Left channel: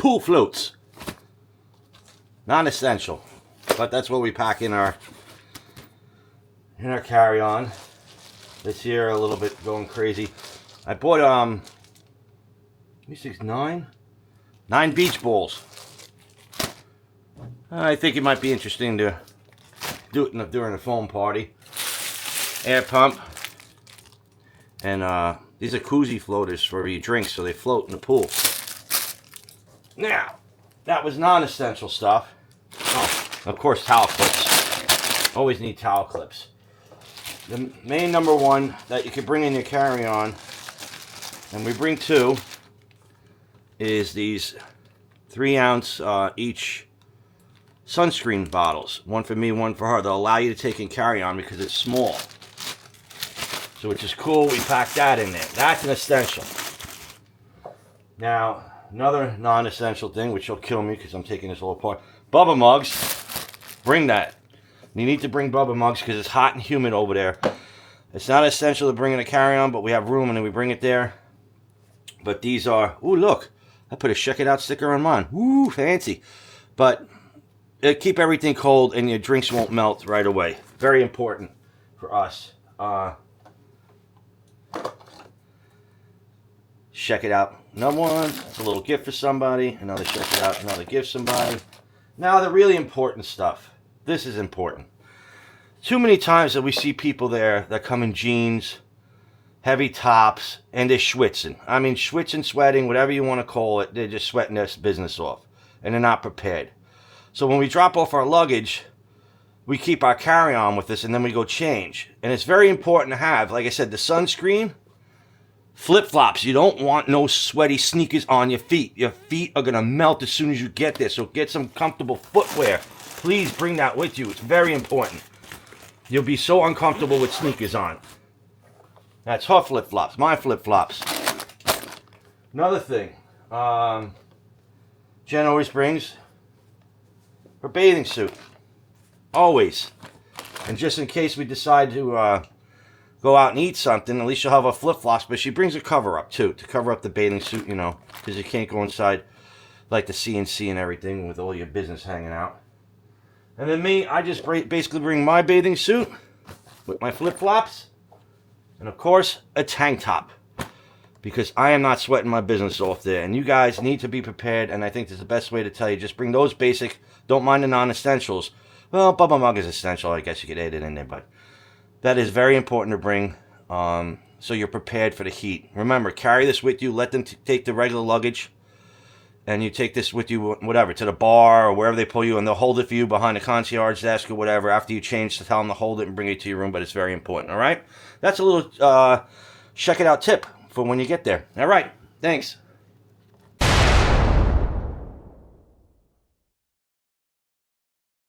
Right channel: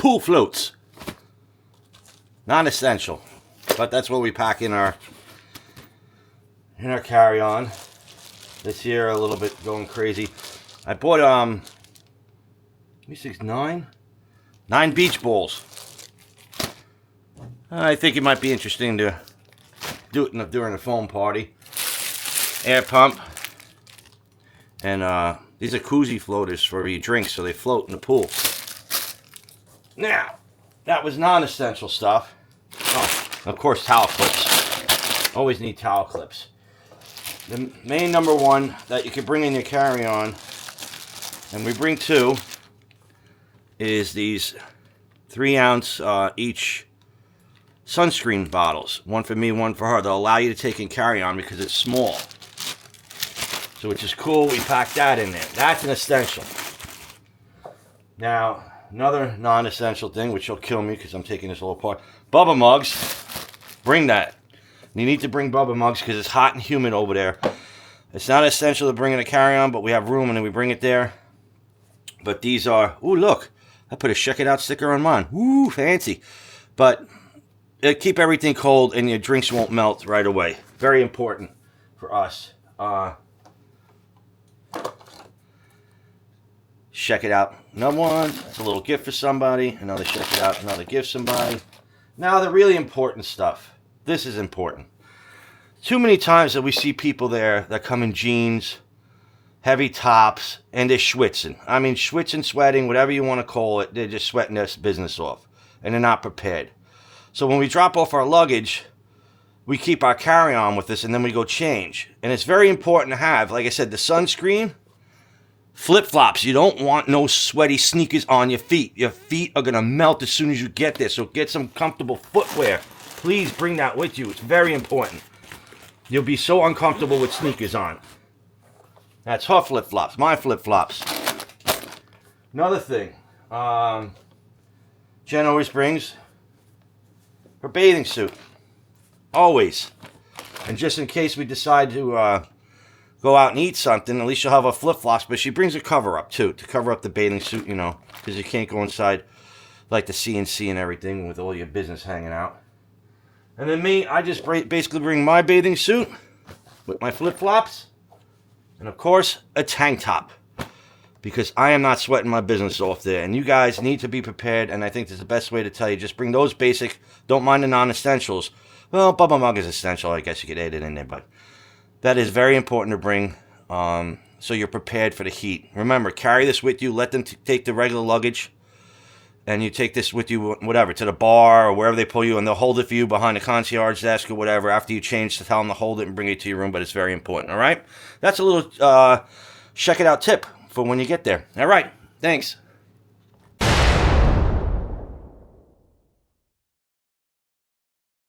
pool floats. Non-essential, but that's what we pack in our carry-on. This here a little bit going crazy. I bought 9 beach balls. I think it might be interesting to do it during a foam party. Air pump. And these are koozie floaters for your drinks, so they float in the pool. Now, that was non-essential stuff. Oh, of course, towel clips. Always need towel clips. The main number one that you can bring in your carry-on, and we bring 2, is these 3-ounce each sunscreen bottles. One for me, one for her. They'll allow you to take in carry-on because it's small. So which is cool, we pack that in there. That's an essential. Now, another non-essential thing, which will kill me because I'm taking this all apart. Bubble mugs. Bring that. You need to bring bubble mugs because it's hot and humid over there. It's not essential to bring in a carry-on, but we have room and then we bring it there. But these are, ooh, look. I put a ScheckItOut sticker on mine. Ooh, fancy. But it'll keep everything cold and your drinks won't melt right away. Very important for us. ScheckItOut. Number one, it's a little gift for somebody. Another ScheckItOut, another gift somebody. Now the really important stuff. This is important. Too many times that we see people there that come in jeans, heavy tops, and they're schwitzing. I mean, schwitzing, sweating, whatever you want to call it. They're just sweating their business off. And they're not prepared. So when we drop off our luggage, we keep our carry-on with us and then we go change. And it's very important to have, like I said, the sunscreen, flip-flops. You don't want no sweaty sneakers on your feet. Your feet are going to melt as soon as you get there. So get some comfortable footwear. Please bring that with you. It's very important. You'll be so uncomfortable with sneakers on. That's her flip-flops, my flip-flops. Another thing. Jen always brings her bathing suit. Always. And just in case we decide to go out and eat something, at least she'll have her flip-flops. But she brings a cover-up, too, to cover up the bathing suit, you know, because you can't go inside like the CNC and everything with all your business hanging out. And then me, I just basically bring my bathing suit with my flip-flops. And, of course, a tank top. Because I am not sweating my business off there. And you guys need to be prepared. And I think that's the best way to tell you. Just bring those basic. Don't mind the non-essentials. Well, bubble mug is essential. I guess you could add it in there. But that is very important to bring. So you're prepared for the heat. Remember, carry this with you. Let them take the regular luggage. And you take this with you, whatever, to the bar or wherever they pull you. And they'll hold it for you behind the concierge desk or whatever. After you change, to tell them to hold it and bring it to your room. But it's very important. All right? That's a little ScheckItOut tip for when you get there. All right. Thanks.